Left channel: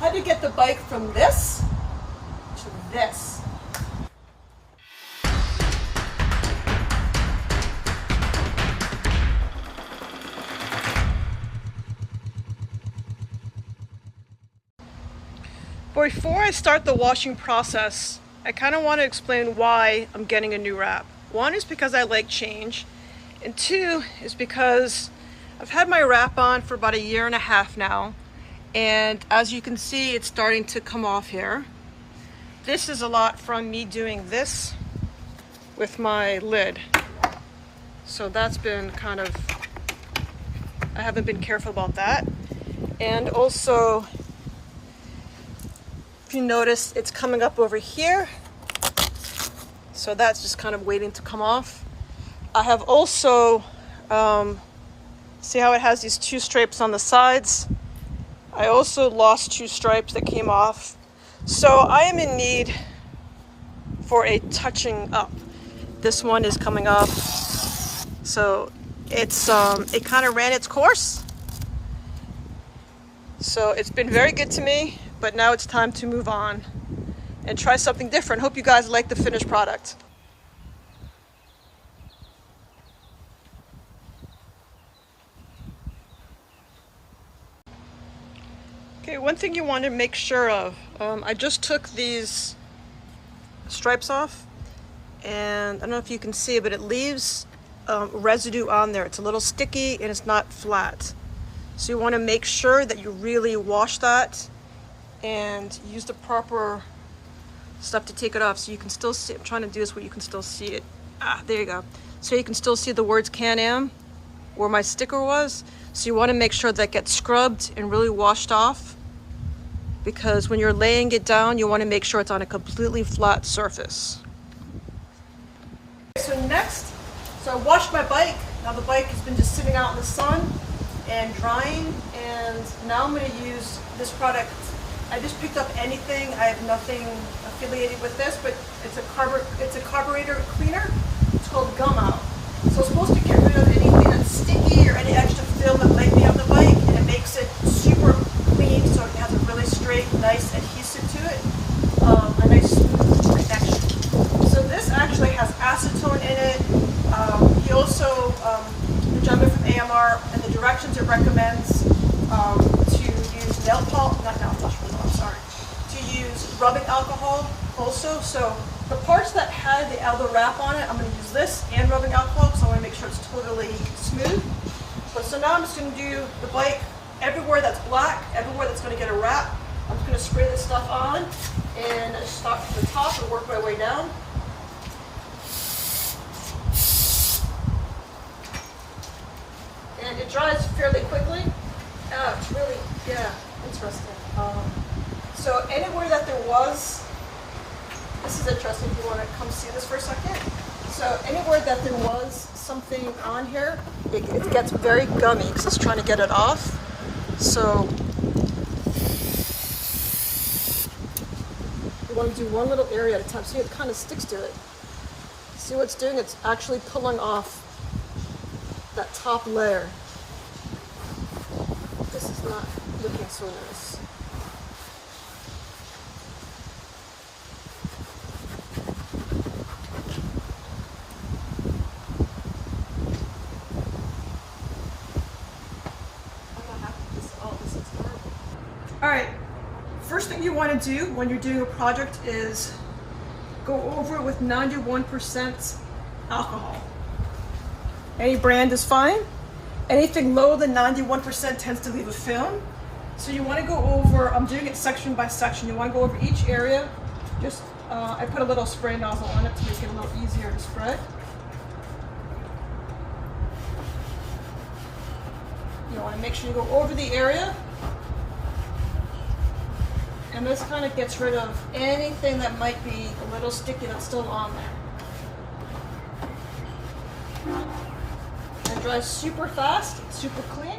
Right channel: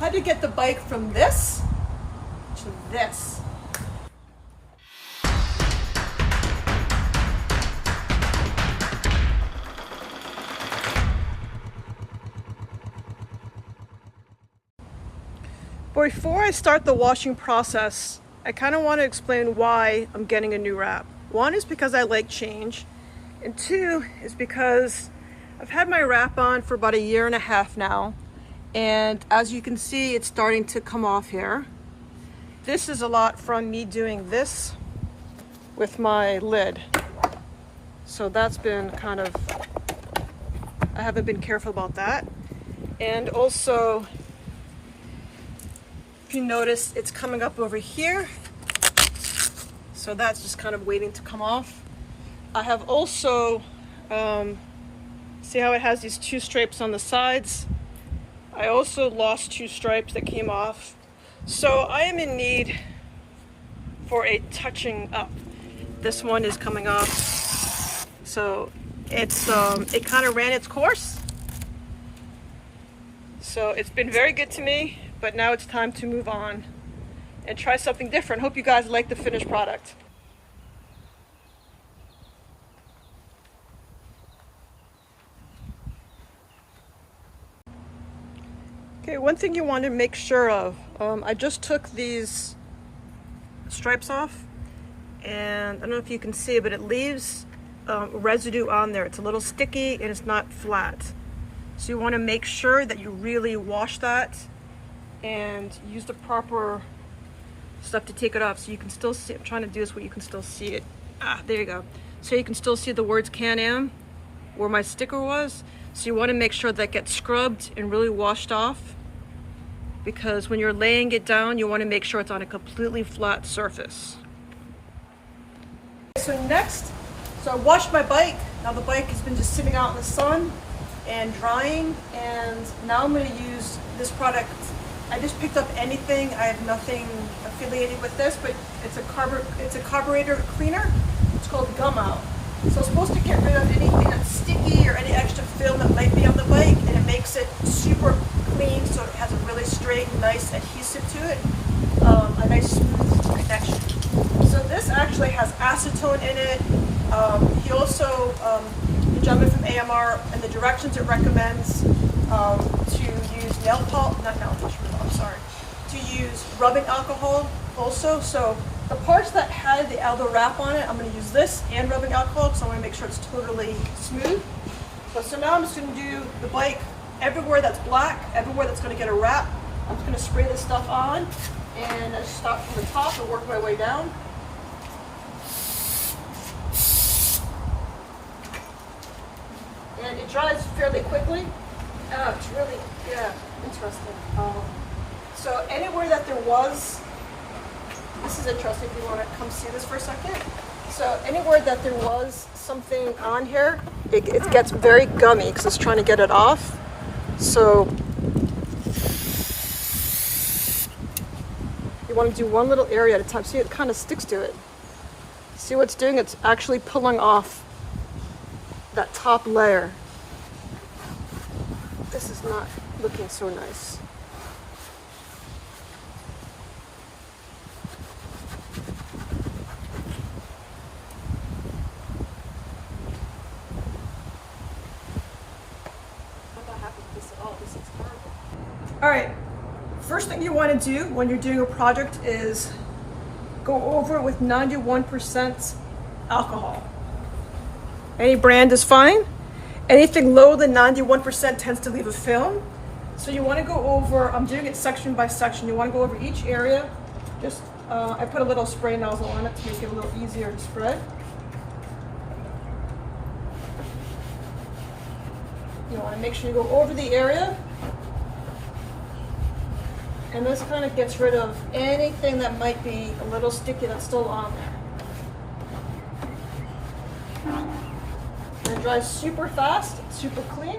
how to get the bike from this to this. Before I start the washing process, I kind of want to explain why I'm getting a new wrap. One is because I like change, and two is because I've had my wrap on for about 1.5 years now, and as you can see, it's starting to come off here. This is a lot from me doing this with my lid. So that's been kind of, I haven't been careful about that. And also, if you notice, it's coming up over here. So that's just kind of waiting to come off. I have also, see how it has these 2 stripes on the sides? I also lost 2 stripes that came off. So I am in need for a touching up. This one is coming off. So it's, it kind of ran its course. So it's been very good to me, but now it's time to move on and try something different. Hope you guys like the finished product. Okay, one thing you want to make sure of, I just took these stripes off, and I don't know if you can see, but it leaves residue on there. It's a little sticky and it's not flat. So you want to make sure that you really wash that and use the proper stuff to take it off so you can still see. I'm trying to do this where you can still see it. Ah, there you go. So you can still see the words Can-Am where my sticker was. So you want to make sure that gets scrubbed and really washed off, because when you're laying it down, you want to make sure it's on a completely flat surface. So next, so I washed my bike. Now the bike has been just sitting out in the sun and drying, and now I'm going to use this product. I just picked up anything. I have nothing affiliated with this, but it's a carburetor cleaner. It's called Gum Out. So it's supposed to get rid of anything that's sticky or any extra film that might be on the bike, and it makes it super clean, so it has a really straight, nice adhesive to it, a nice smooth connection. So this actually has acetone in it. He also, the gentleman from AMR, and the directions it recommends to use to use rubbing alcohol also. So the parts that had the elbow wrap on it, I'm going to use this and rubbing alcohol because I want to make sure it's totally smooth. But so now I'm just going to do the bike everywhere that's black, everywhere that's going to get a wrap. I'm just going to spray this stuff on, and I start from the top and work my way down. And it dries fairly quickly. It's really, yeah, interesting. So anywhere that there was, this is interesting if you want to come see this for a second. So anywhere that there was something on here, it gets very gummy because it's trying to get it off. So you want to do one little area at a time. See, it kind of sticks to it. See what it's doing? It's actually pulling off that top layer. This is not looking so nice. All right, first thing you want to do when you're doing a project is go over it with 91% alcohol. Any brand is fine. Anything lower than 91% tends to leave a film. So you want to go over, I'm doing it section by section. You want to go over each area. Just, I put a little spray nozzle on it to make it a little easier to spread. You want to make sure you go over the area. And this kind of gets rid of anything that might be a little sticky that's still on there. And it dries super fast, super clean.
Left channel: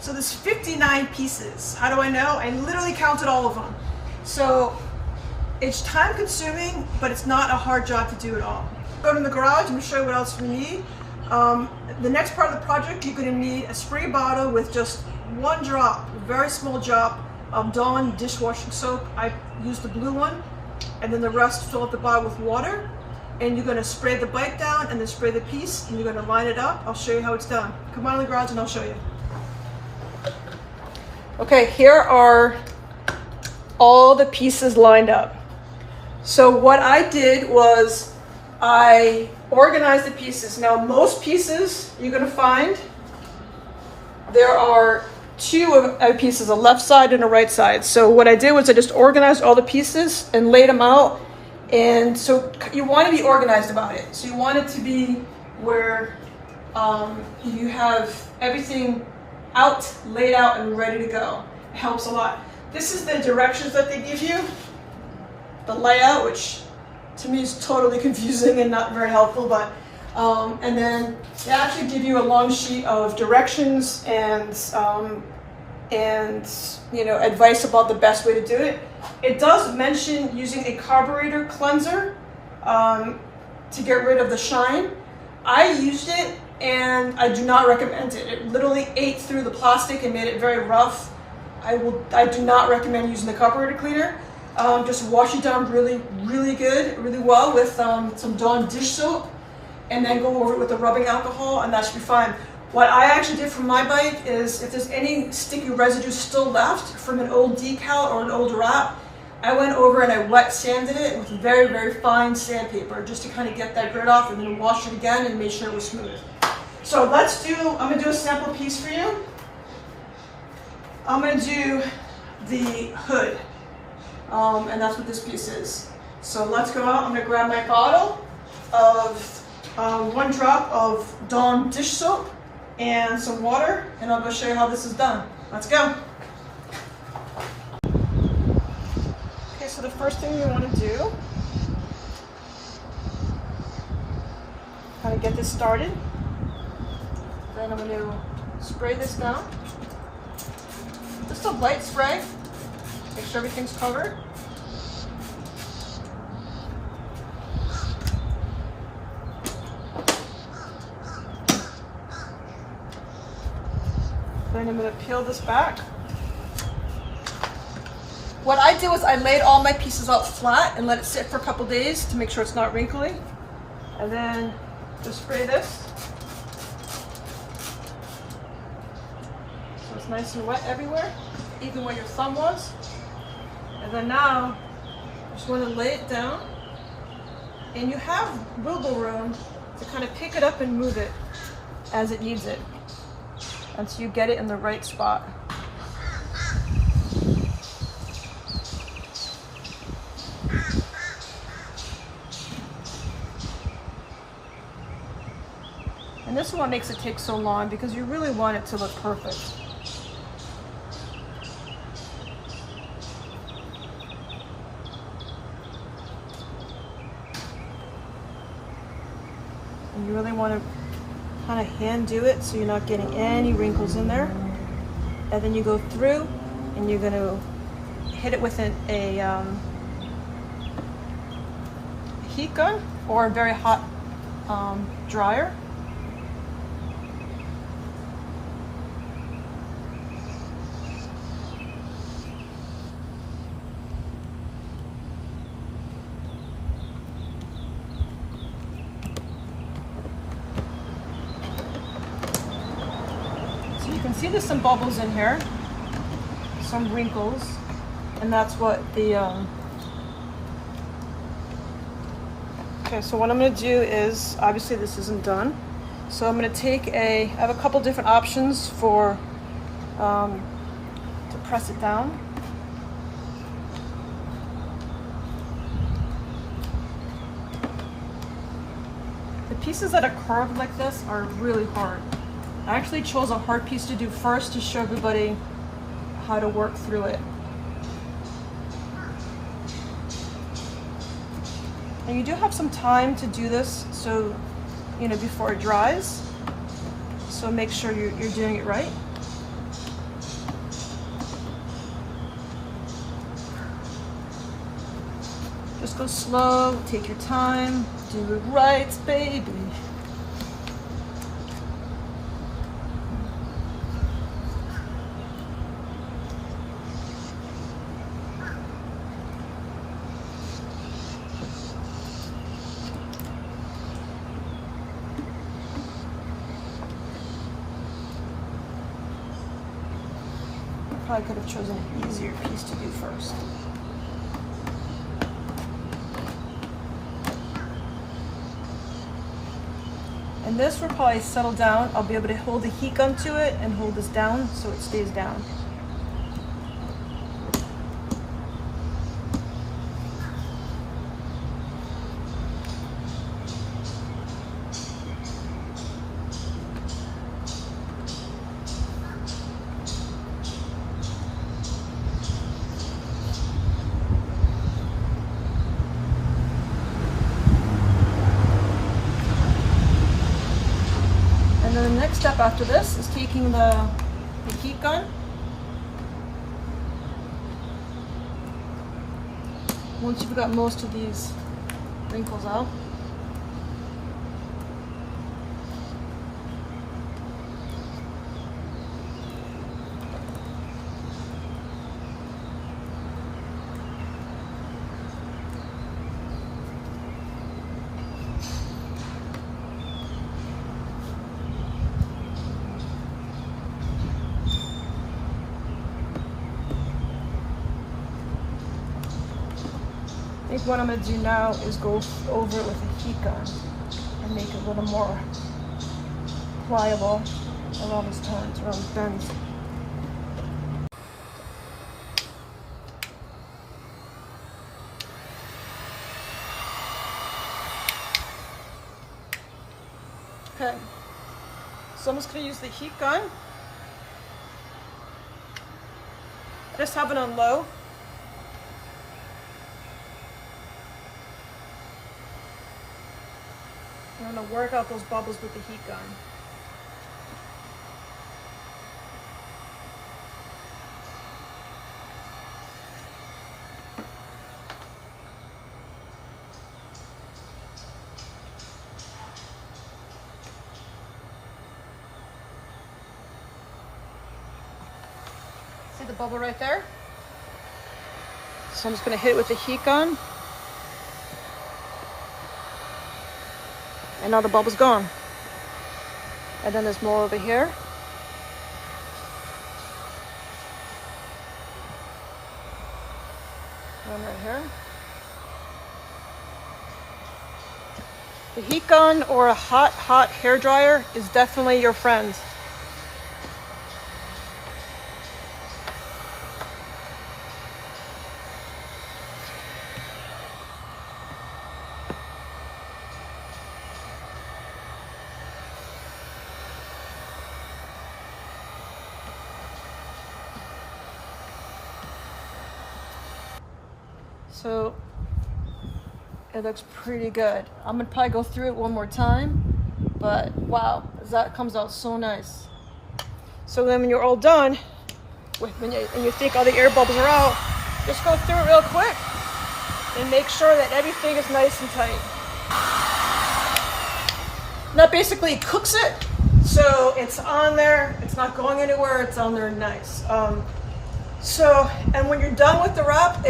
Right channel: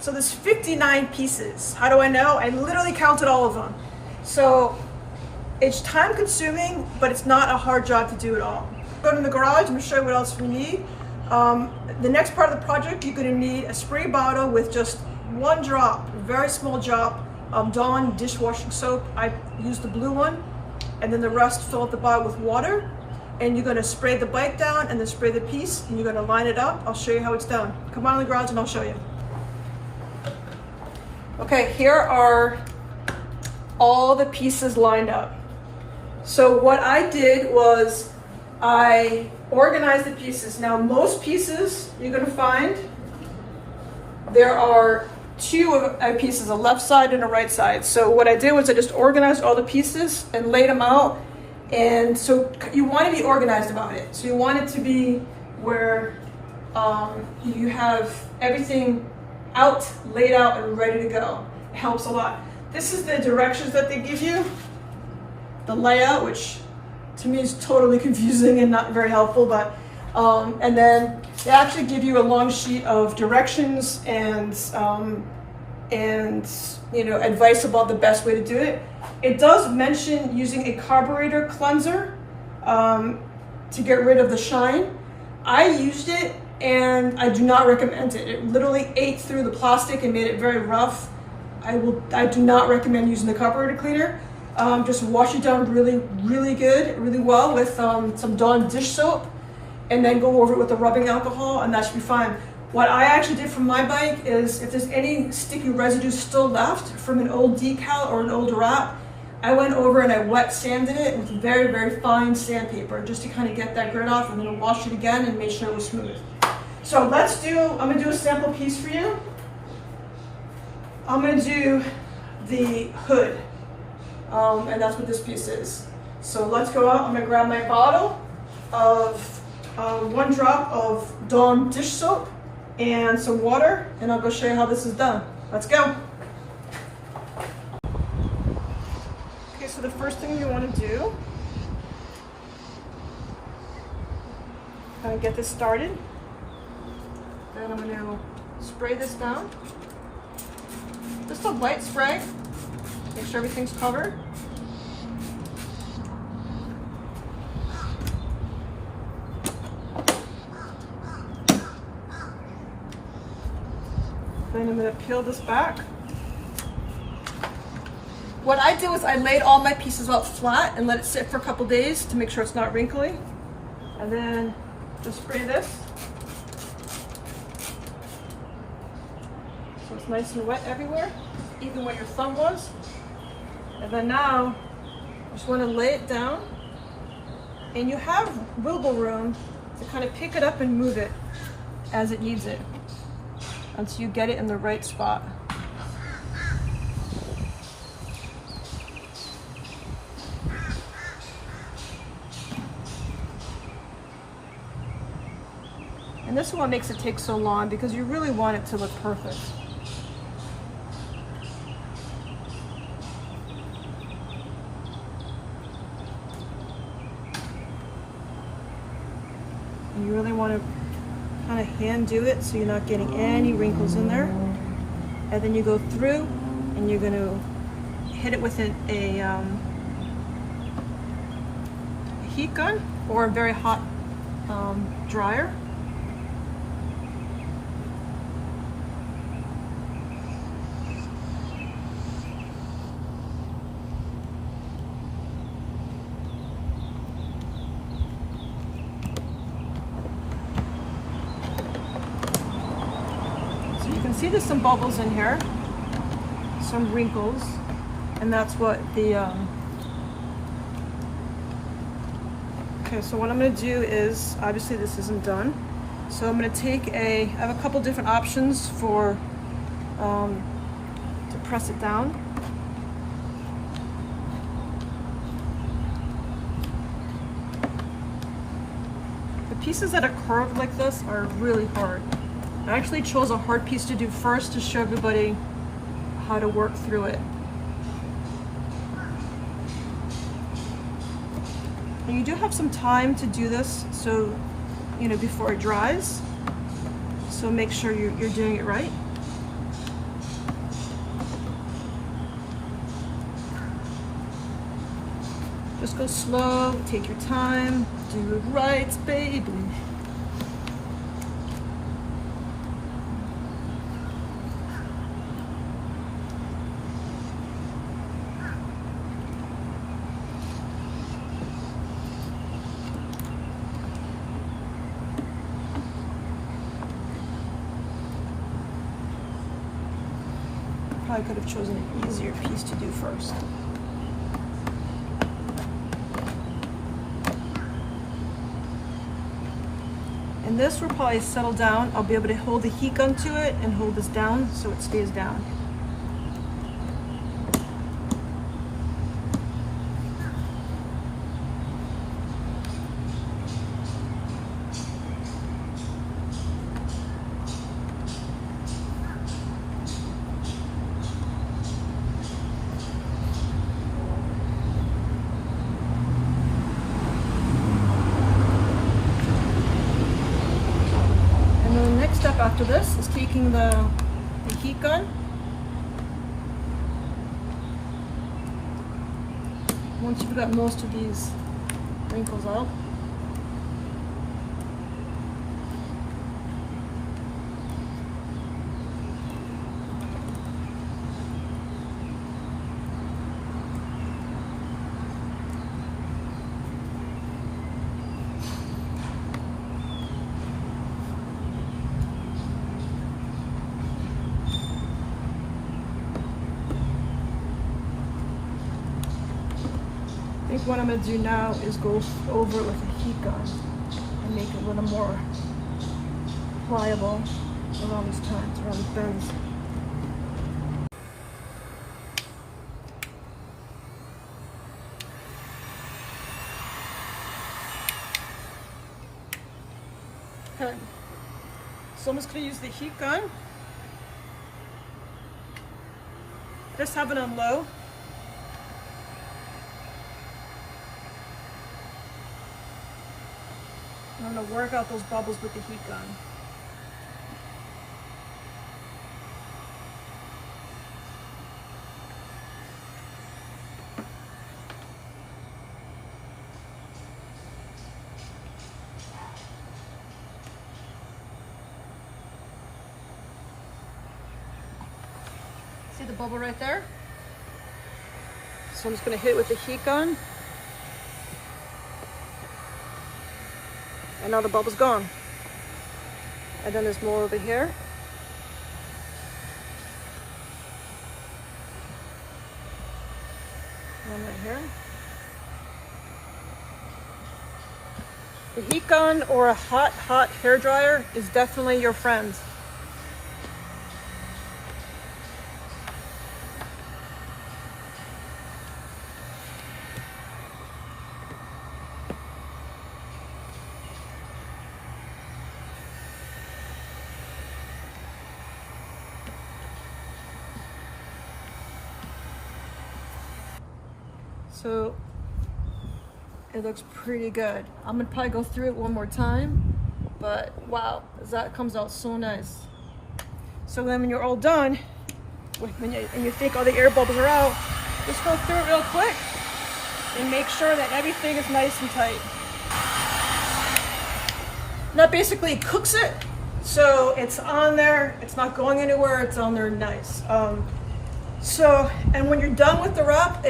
So there's 59 pieces. How do I know? I literally counted all of them. So it's time consuming, but it's not a hard job to do it all. Go to the garage, I'm gonna show you what else we need. The next part of the project, you're gonna need a spray bottle with just 1 drop, a very small drop Dawn dishwashing soap. I use the blue one, and then the rest fill up the bottle with water. And you're gonna spray the bike down and then spray the piece, and you're gonna line it up. I'll show you how it's done. Come on in the garage and I'll show you. Okay, here are all the pieces lined up. So what I did was I organized the pieces. Now most pieces you're gonna find, there are two pieces, a left side and a right side. So what I did was I just organized all the pieces and laid them out. And so you want to be organized about it. So you want it to be where you have everything out, laid out, and ready to go. It helps a lot. This is the directions that they give you, the layout, which to me is totally confusing and not very helpful. But and then they actually give you a long sheet of directions and you know, advice about the best way to do it. It does mention using a carburetor cleanser to get rid of the shine. I used it and I do not recommend it. It literally ate through the plastic and made it very rough. I do not recommend using the carburetor cleaner. Just wash it down really well with some Dawn dish soap, and then go over it with the rubbing alcohol, and that should be fine. What I actually did for my bike is, if there's any sticky residue still left from an old decal or an old wrap, I went over and I wet sanded it with very fine sandpaper just to kind of get that grit off, and then wash it again and make sure it was smooth. So I'm gonna do a sample piece for you. I'm gonna do the hood, and that's what this piece is. So let's go out. I'm gonna grab my bottle of 1 drop of Dawn dish soap and some water, and I'll go show you how this is done. Let's go. Okay, so the first thing you want to do, kind of get this started. Then I'm going to spray this down. Just a light spray, make sure everything's covered. Then I'm going to peel this back. What I did was I laid all my pieces out flat and let it sit for a couple days to make sure it's not wrinkly. And then just spray this. So it's nice and wet everywhere, even where your thumb was. And then now, I just want to lay it down. And you have wiggle room to kind of pick it up and move it as it needs it, until you get it in the right spot. And this is what makes it take so long, because you really want it to look perfect. And you really want to kind of hand do it so you're not getting any wrinkles in there. And then you go through and you're going to hit it with a heat gun or a very hot dryer. You can see there's some bubbles in here, some wrinkles, and that's what the, okay, so what I'm gonna do is, obviously this isn't done, so I'm gonna take I have a couple different options for, to press it down. The pieces that are curved like this are really hard. I actually chose a hard piece to do first to show everybody how to work through it. And you do have some time to do this, so, you know, before it dries. So make sure you're doing it right. Just go slow, take your time, do it right, baby. probably could have chosen an easier piece to do first. And this will probably settle down. I'll be able to hold the heat gun to it and hold this down so it stays down. And then the next step after this is taking the heat gun. Once you've got most of these wrinkles out, I think what I'm going to do now is go over it with a heat gun and make it a little more pliable around these turns, around these bends. Okay, so I'm just going to use the heat gun. Just have it on low. I'm going to work out those bubbles with the heat gun. See the bubble right there? So I'm just going to hit it with the heat gun. And now the bubble's gone. And then there's more over here. One right here. The heat gun or a hot hair dryer is definitely your friend. So it looks pretty good. I'm gonna probably go through it one more time, but wow, that comes out so nice. So then when you're all done, and you think all the air bubbles are out, just go through it real quick and make sure that everything is nice and tight. And that basically cooks it. So it's on there, it's not going anywhere, it's on there nice. And when you're done with the wrap,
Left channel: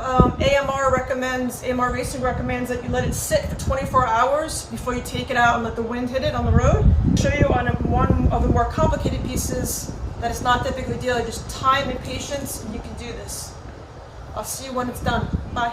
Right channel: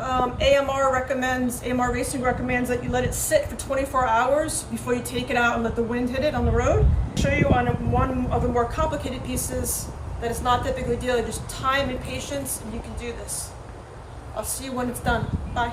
AMR Racing recommends that you let it sit for 24 hours before you take it out and let the wind hit it on the road. I'll show you on one of the more complicated pieces that it's not that big of a deal. Just time and patience, and you can do this. I'll see you when it's done. Bye.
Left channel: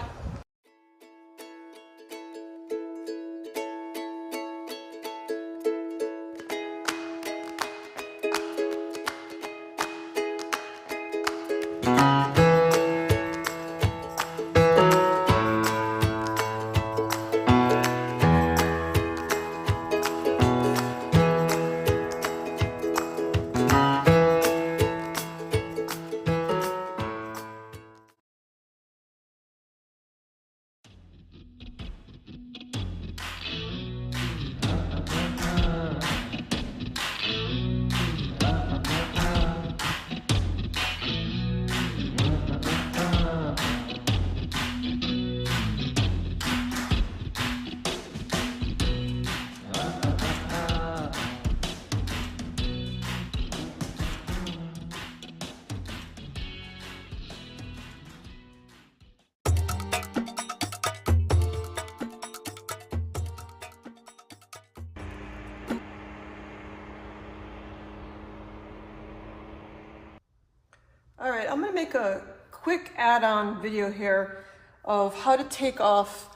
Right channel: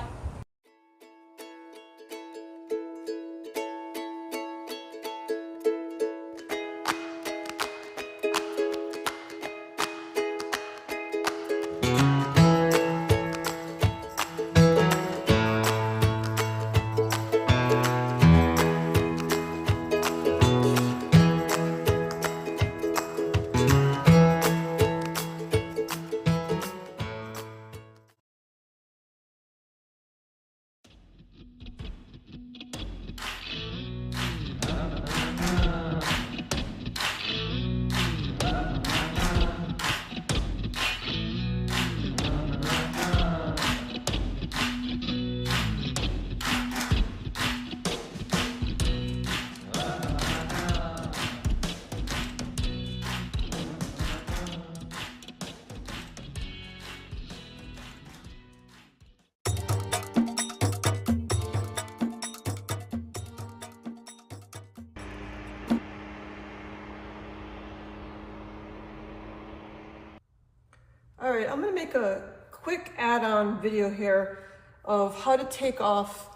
gonna make a quick add-on video here of how to take off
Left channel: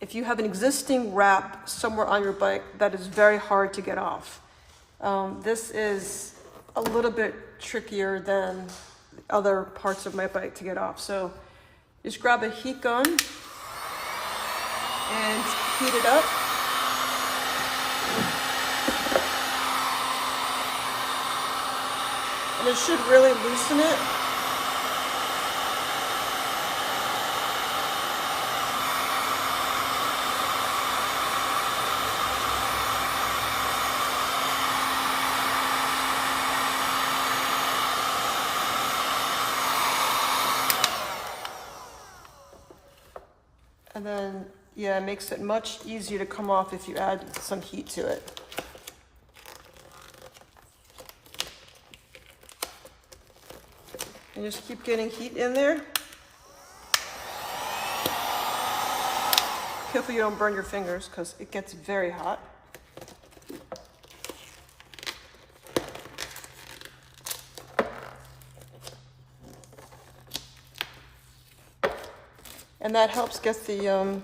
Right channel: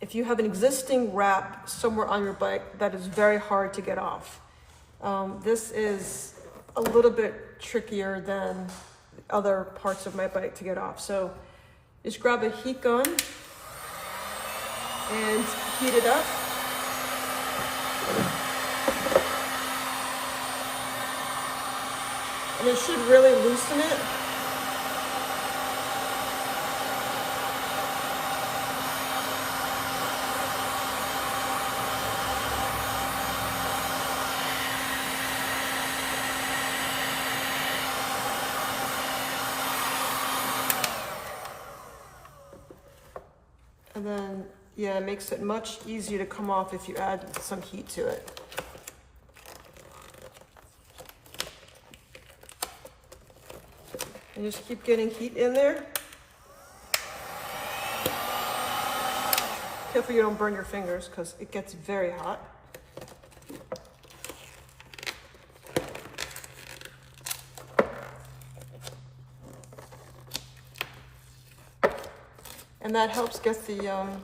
if you have an existing wrap somewhere on your bike that is very hard to get off. This is a little bit trickier than other parts of my bike to get off. So just grab a heat gun and heat it up. And it should really loosen it. And then, yeah, it makes it much easier to come off if you add some heat to it. And just keep getting heat in there. Careful you don't burn your fingers because it gets very hot. And that helps get the,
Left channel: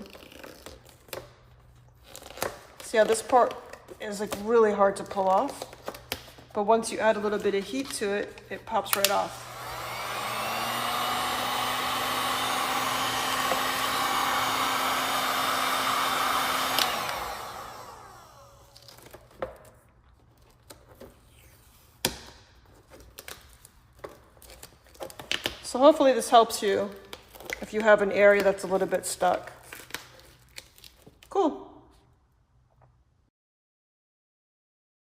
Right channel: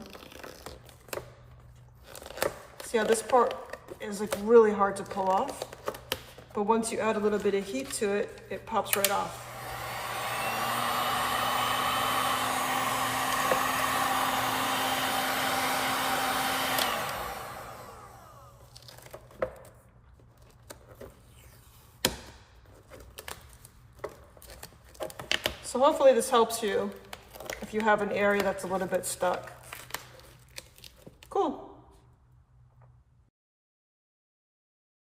see how this part is like really hard to pull off, but once you add a little bit of heat to it, it pops right off. So hopefully this helps you if you have an area that's a little bit stuck.